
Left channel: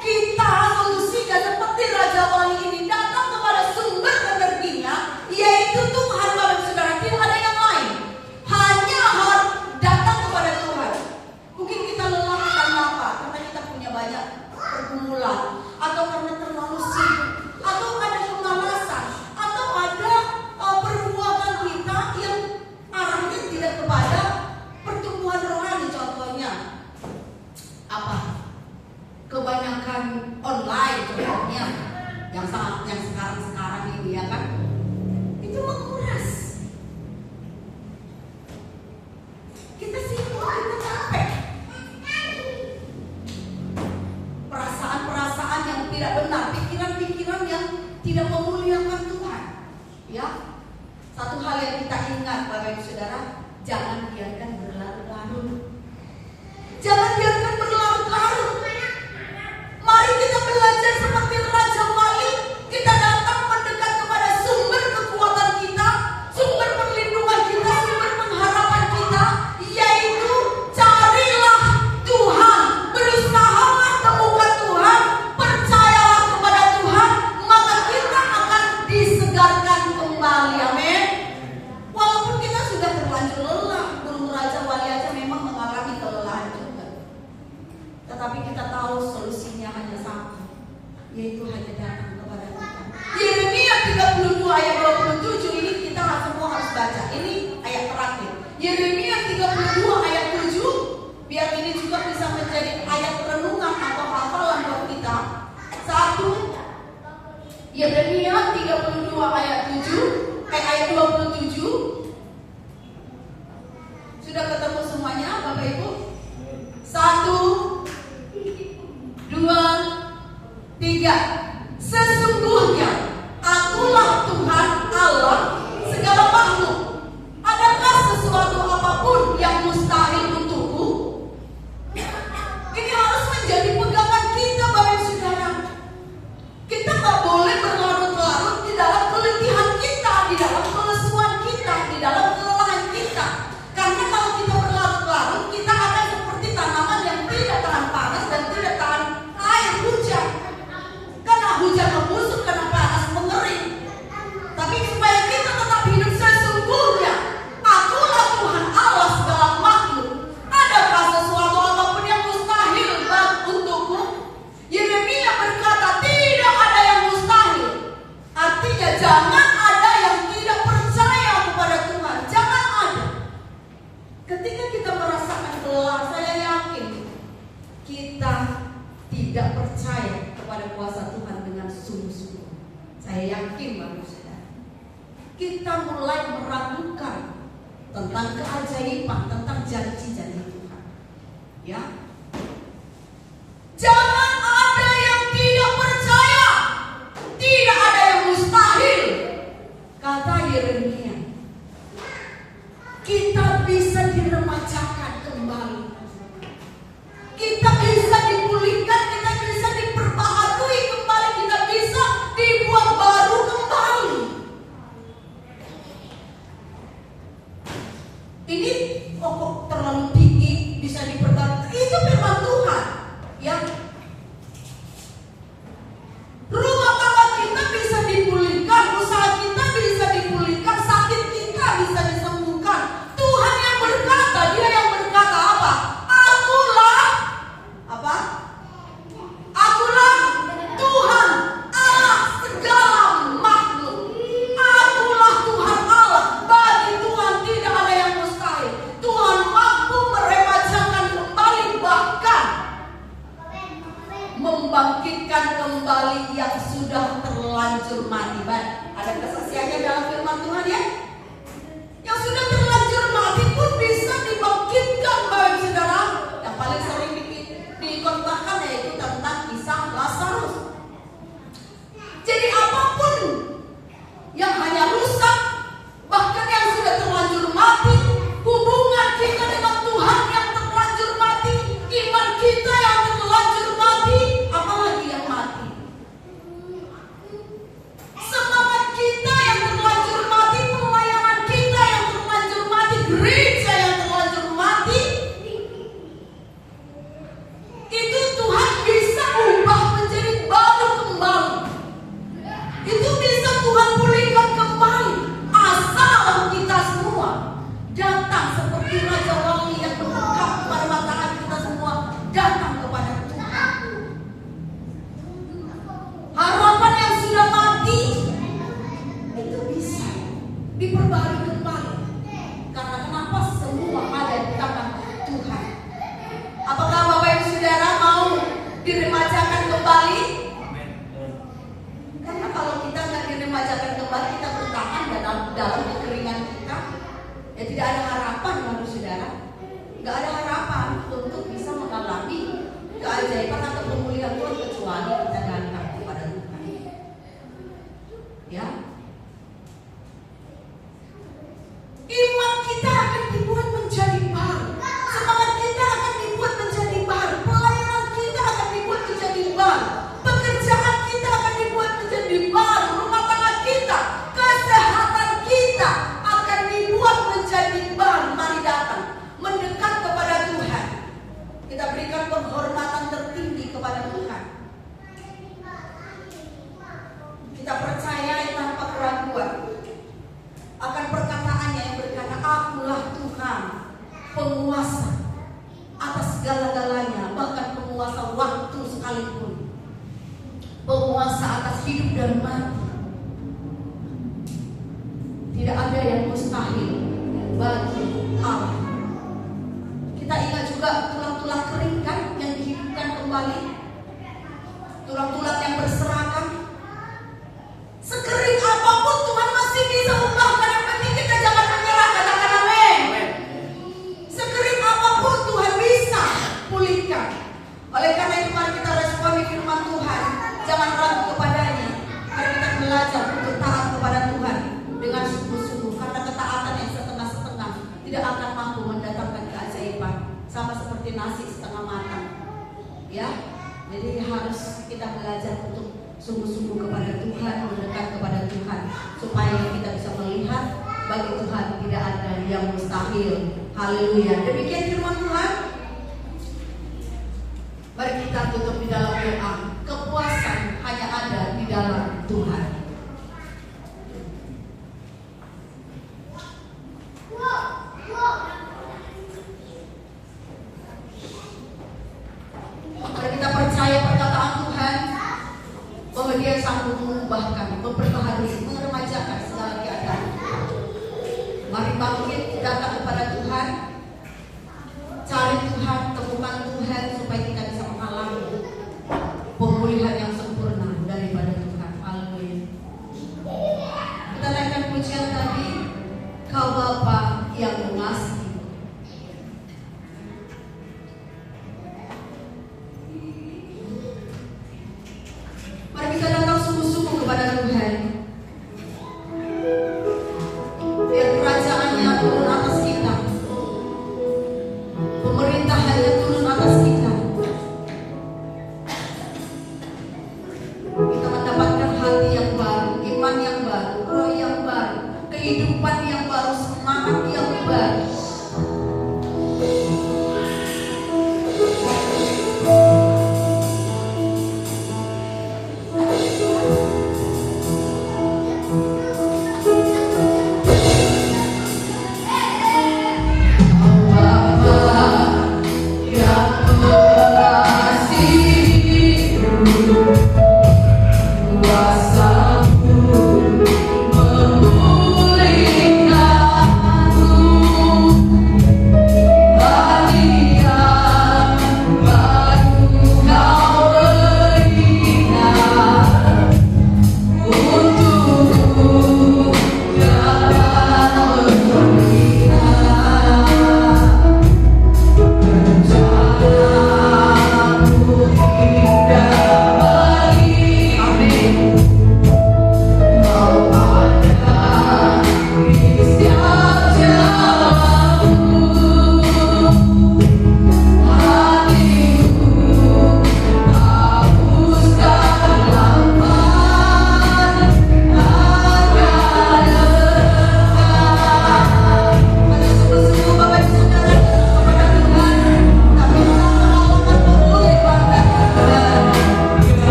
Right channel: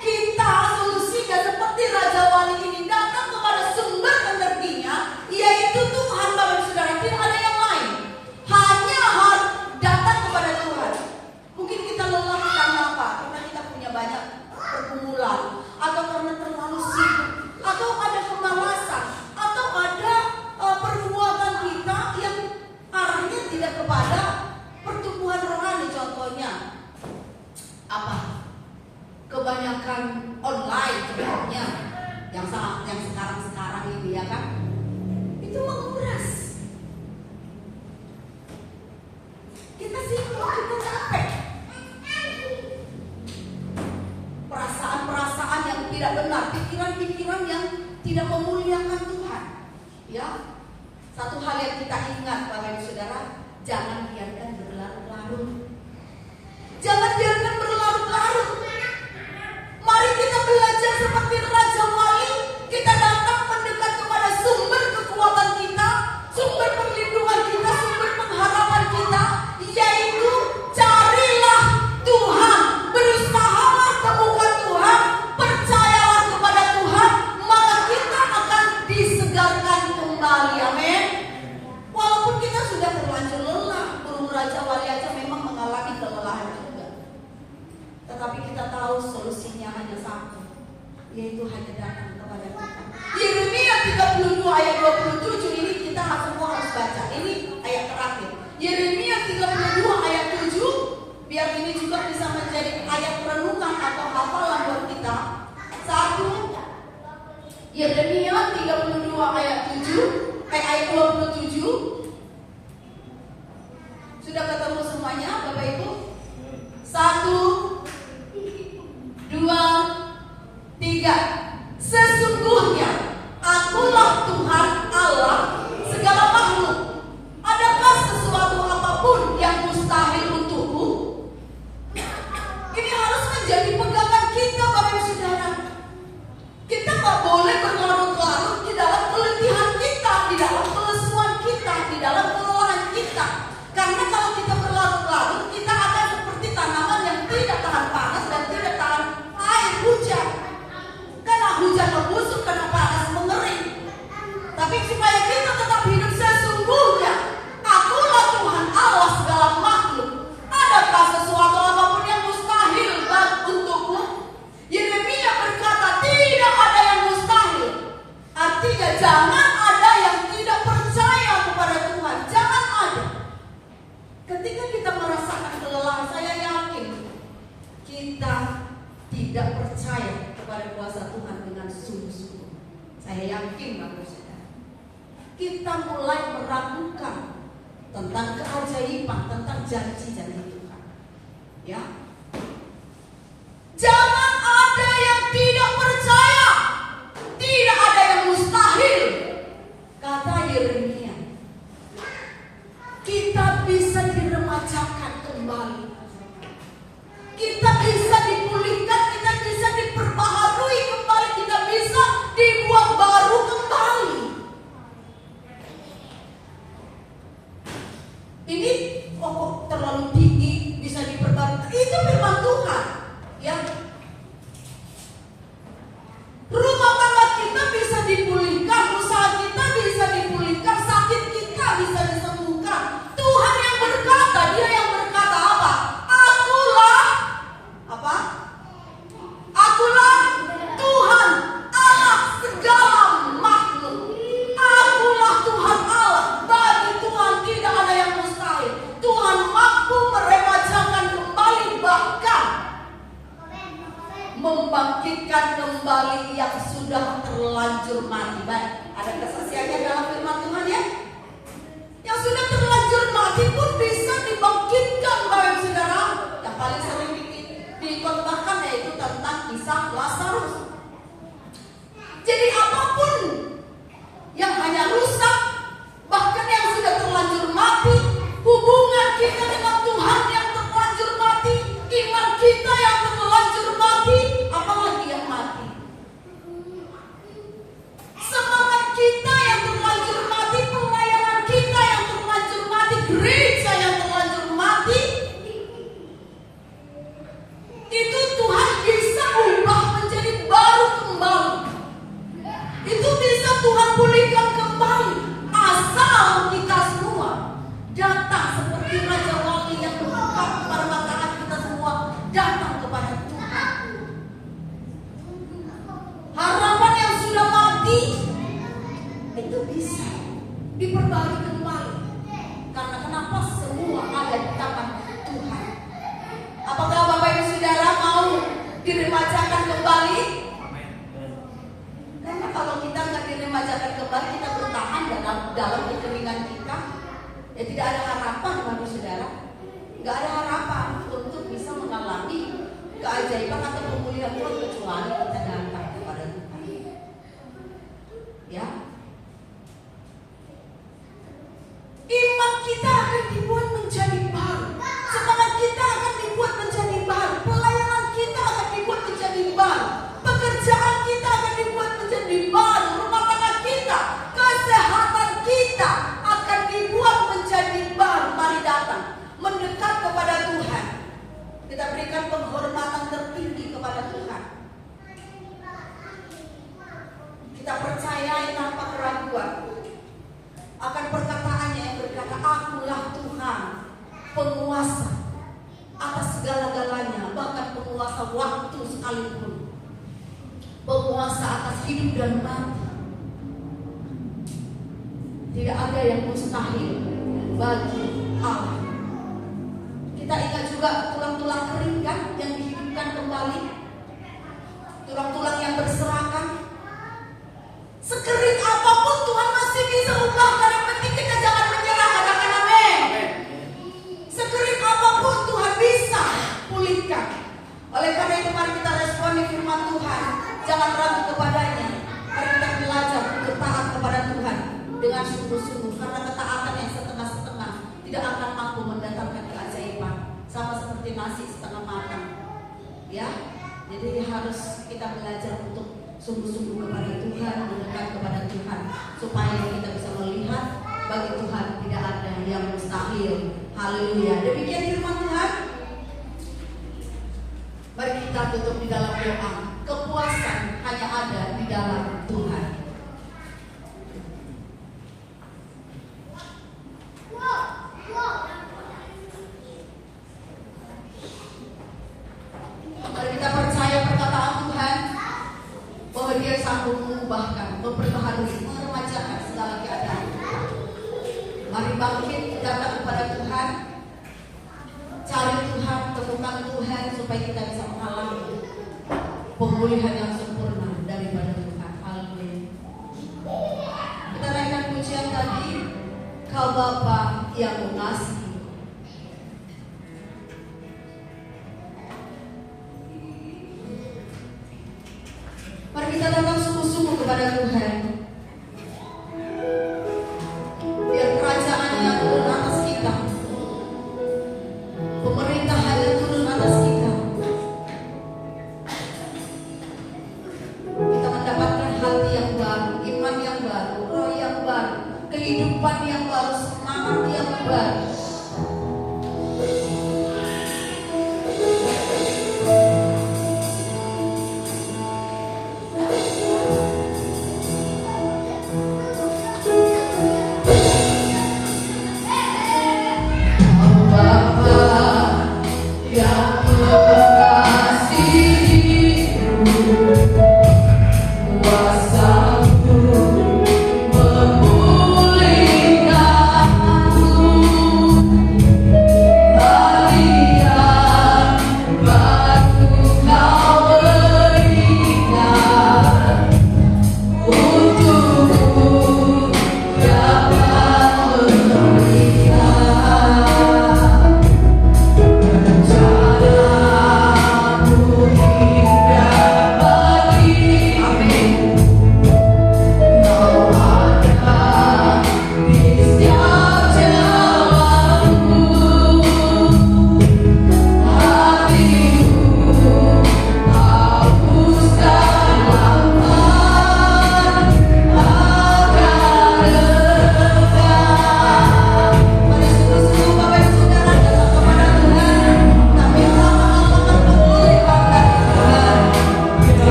kita solusikan seperti Raja Wali ini, datang kepada sumber energinya, yaitu Tuhan, Bapak Saudara. Tidak ada yang lain. Hanya harus datang kepada Tuhan. Mungkin kita lelah karena apa? Karena kita punya banyak pergumulan, atau karena terlalu sibuk, atau ada kemalasan, atau ada perbuatan kita yang arahnya tidak kepada pertumbuhan rohani. Contohnya apa? Kebanyakan online, contohnya yang sekarang ini, ya kan? Itu menguras. Kita sibuk, kita capek. Perasaan-perasaan yang tidak benar, pikiran-pikiran yang tidak memuliakan Tuhan. Ya, satu hal yang kita ingat, Bapak Ibu Saudara, jangan biarkan berlarut-larut. Jangan biarkan berlarut-larut. Mari kita belajar seperti Raja Wali. Kita datang mendekat kepada sumber kekuatan kita, sumber perlindungan kita, sumber pengharapan kita, yaitu carilah Tuhan, berusahalah temukan Tuhan, percayalah kepada Tuhan, maka kita akan disegarkan kembali. Amin. Walaupun kita sudah terlanjur lelah, burung Raja Wali aja memang mengalami kelelahan juga. Tetapi kita tahu solusinya hanya satu, yaitu hanya datang kepada Tuhan. Yeremia 32 ayat 27 ini kita semua harus baca. Ini ayat terakhir. Yeremia 32 ayat 7, biar ini juga bisa menjadi ayat renungan atau hafalan buat kita. Satu, Yeremia 32 ayat 7, ayat 27. Sudah ketemu semuanya Bapak Ibu? 1, 2, 3. Sesungguhnya Akulah Tuhan Allah segala makhluk. Adakah sesuatu apapun yang mustahil untukku? Ini harus menjadi pegangan kita, Bapak Ibu Saudara. Kita tak boleh berlarut-larut di dalam keletihan kita, di dalam kelesuan kita, di dalam kelelahan kita. Karena kalau kita berlarut-larut, kita akan seperti tanaman yang tidak tahan panas dan tidak tahan air hujan. Karena hujan membusuk, karena panas mengering. Tapi supaya kita tetap hidup sesungguhnya, Akulah Tuhan Allah segala makhluk. Adakah sesuatu apapun yang mustahil untukku? Yeremia berkata, tidak ada yang mustahil. Artinya jangan ada yang tidak percaya kepada Tuhan. Jangan ada. Ketika kita merasakan kelelahan, saya yakin kita tidak percaya kepada kuasa Tuhan dengan sungguh-sungguh. Saya yakin Bapak Saudara, kita mulai meragukan tentang keajaiban, tentang janji-janji Tuhan. Ya, jangan ada yang tidak percaya. Tidak ada yang mustahil. Kata Yeremia, kita bisa diremajakan kembali. Kita bisa dipulihkan, kita bisa diperbaharui kembali, kita bisa dibuat baru kembali. Ini kok terlalu tinggi bisa diperbarui. Itu firman Tuhan. Ya. Rumah tangga kita bisa dipulihkan, usaha kita bisa dipulihkan, sakit kita bisa disembuhkan. Tuhan yang berkata, Dia yang berkata apa? Akulah apa? Akulah Tuhan Allah segala makhluk. Akulah Tuhan Allah. Bagi Tuhan tidak ada yang mustahil. Tuhan mampu meremajakan kembali, bahkan membangkitkan kembali yang sudah terlanjur mati. Ada kesaksiannya dalam firman Tuhan ya. Yang sudah terlanjur mati pun bisa dibangkitkan, Bapak Saudara. Yang paling sering dikontakkan yaitu tentang kisah Lazarus. Jadi apapun yang hanya rusak, bahkan yang sudah terlanjur mati, hubungan kita dengan Tuhan yang terlanjur mati, iman kita yang terlanjur mati, apalagi yang mati. Semangat kita yang terlanjur mati, pelayanan kita yang terlanjur mati, gereja yang terlanjur mati, itu Tuhan bisa ubah menjadi baru kembali. Itu bisa Tuhan pulihkan kembali, asal kita semua datang seperti Raja Wali yang berbuka kepada mata kita semua, datang kepada Tuhan. Harapan yang sudah mati itu bisa diperbarui kembali. Karena kenapa? Semua ada di tangan Tuhan. Apakah Bapak Ibu Saudara mau diremajakan kembali? Karena kalau kita nggak diremajakan kembali, kita bertahan dalam kekeringan kita, ya tidak ada harapan, Bapak Saudara. Nggak ada harapan untuk bisa mengalami keajaiban atau pemulihan Tuhan kecuali kita datang kepada Tuhan. Ya, iman kita akan dibuat menjadi baru, semangat kita akan dibuat menjadi baru, pelayanan kita akan dibuat menjadi baru, pekerjaan kita akan dibuat menjadi baru, rumah tangga kita, kesehatan kita akan dibuat menjadi baru. Mari datang mendekat kepada Tuhan. Kita berikan penghormatan tertinggi kepada Tuhan. Kita percayai tanpa keraguan akan perkataannya yang berkata, Akulah Tuhan, penguasa atas segala-galanya, bahkan penguasa waktu sekalipun, penguasa atas hidup dan mati. Tidak ada yang mustahil bagi Allah. Kita ingat juga tulang-tulang kering kan yang dihidupkan kembali, tulang-tulang yang berserakan. Sekering apapun Tuhan masih bisa ubahkan kita belajar untuk sungguh-sungguh kepada Tuhan, mendekat kepada Tuhan, supaya kita bisa melihat bagi Tuhan tidak ada yang mustahil. Haleluya. Demikian firman Tuhan. Mari kita tutup di dalam doa. Kepuasan hanya ada di dalam Tuhan. Mari kita percaya perkataan Tuhan bahwa Dia sanggup mengubahkan, memperbaharui, meremajakan segala keadaan. Mari bangkit, datang kepada Tuhan, cari Tuhan, temukan Tuhan supaya kita bisa mengalami pemulihan yang sempurna daripada Tuhan. Haleluya. Kita naikkan pujian tadi, Kau Bapa yang mengasihi. Mari kita datang sungguh-sungguh kepada Tuhan. Biar kerajaannya turun atas kita, pemerintahannya turun atas kita. Kita mendapatkan hati yang baru, iman yang baru, roh yang baru, kehidupan yang baru, semangat yang baru.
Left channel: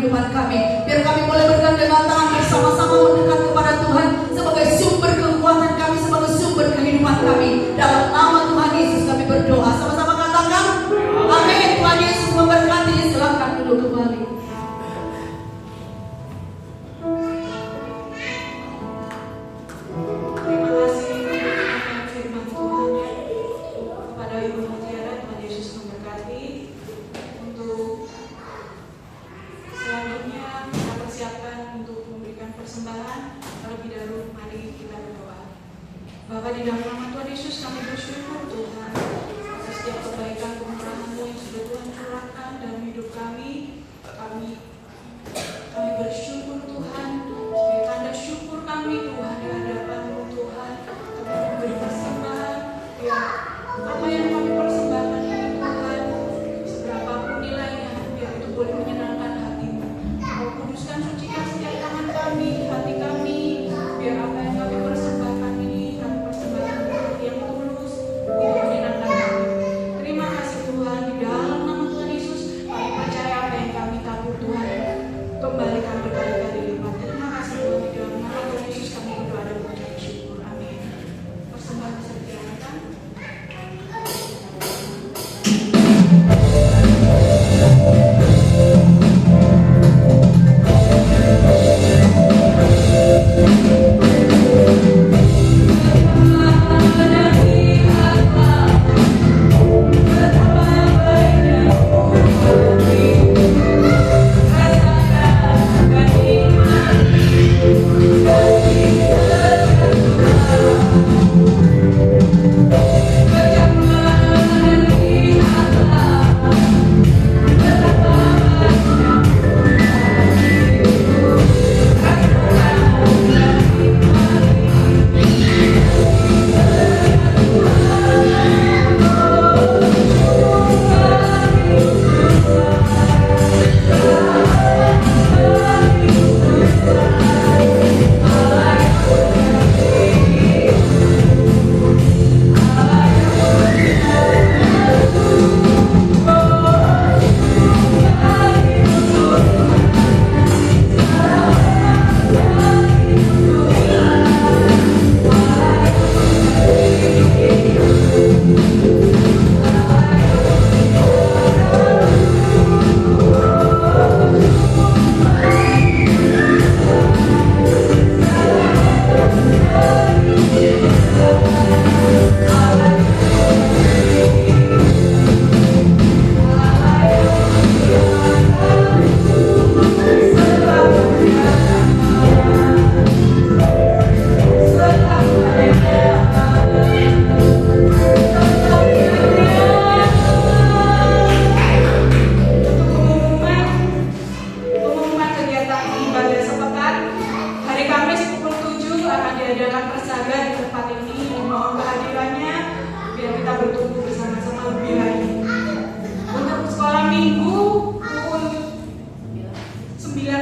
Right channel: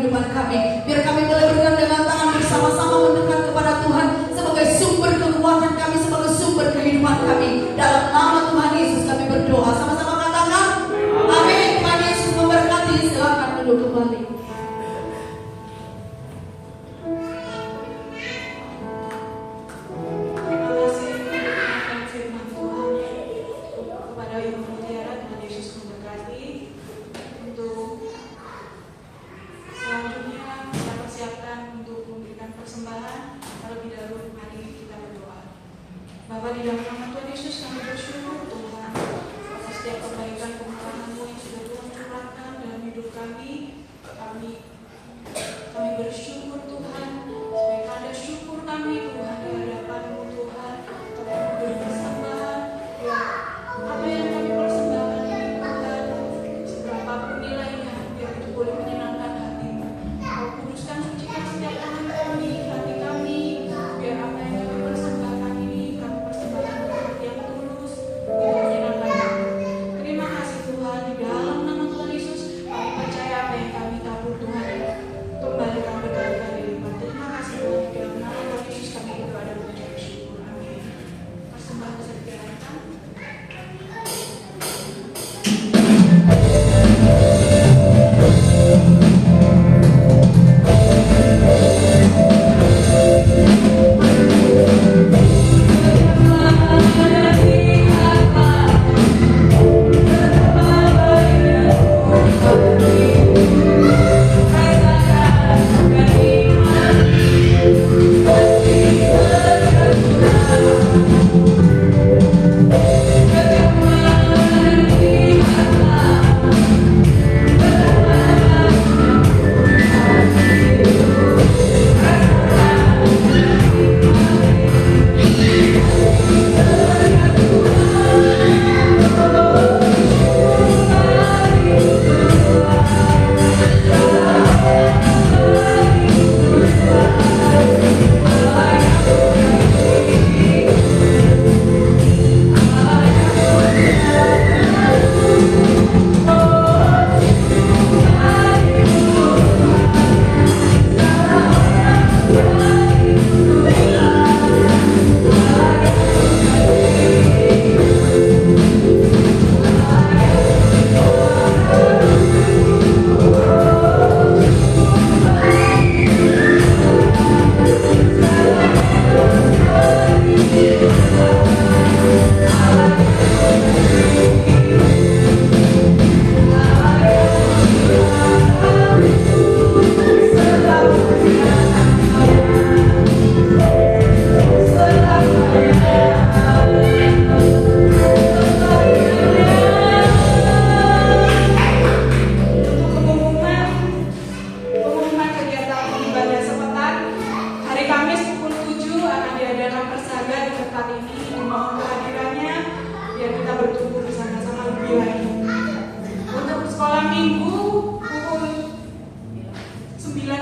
kehidupan kami. Biar kami boleh bergandengan tangan bersama-sama mendekat kepada Tuhan sebagai sumber kekuatan kami, sebagai sumber kehidupan kami. Dalam nama Tuhan Yesus kami berdoa. Sama-sama katakan amin. Tuhan Yesus memberkati. Silakan duduk kembali. Bapa, di dalam nama Tuhan Yesus kami bersyukur Tuhan atas setiap kebaikan kemurahan-Mu yang sudah Tuhan curahkan dalam hidup kami. Kami bersyukur Tuhan, sebagai tanda syukur kami Tuhan di hadapan-Mu Tuhan. Kami berpersembahan, ya apa yang kami persembahkan ini Tuhan, seberapapun nilainya, biar itu boleh menyenangkan hati-Mu. Kau kuduskan, sucikan setiap tangan kami, hati kami, biar apa yang kami persembahkan ini kami persembahkan yang tulus, itu menyenangkan. Terima kasih Tuhan, di dalam nama Tuhan Yesus kami percaya apa yang kami tabur Tuhan kembalikan berkali-kali lipat. Terima kasih Tuhan, di dalam nama Tuhan Yesus kami berdoa dan mengucap syukur. Amin. Persembahan bisa dikirakan.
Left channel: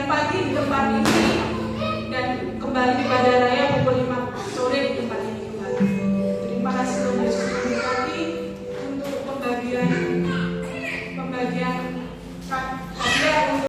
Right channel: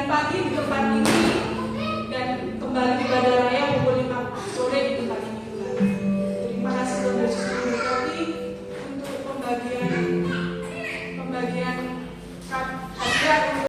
Pagi di depan ini dan kembali pada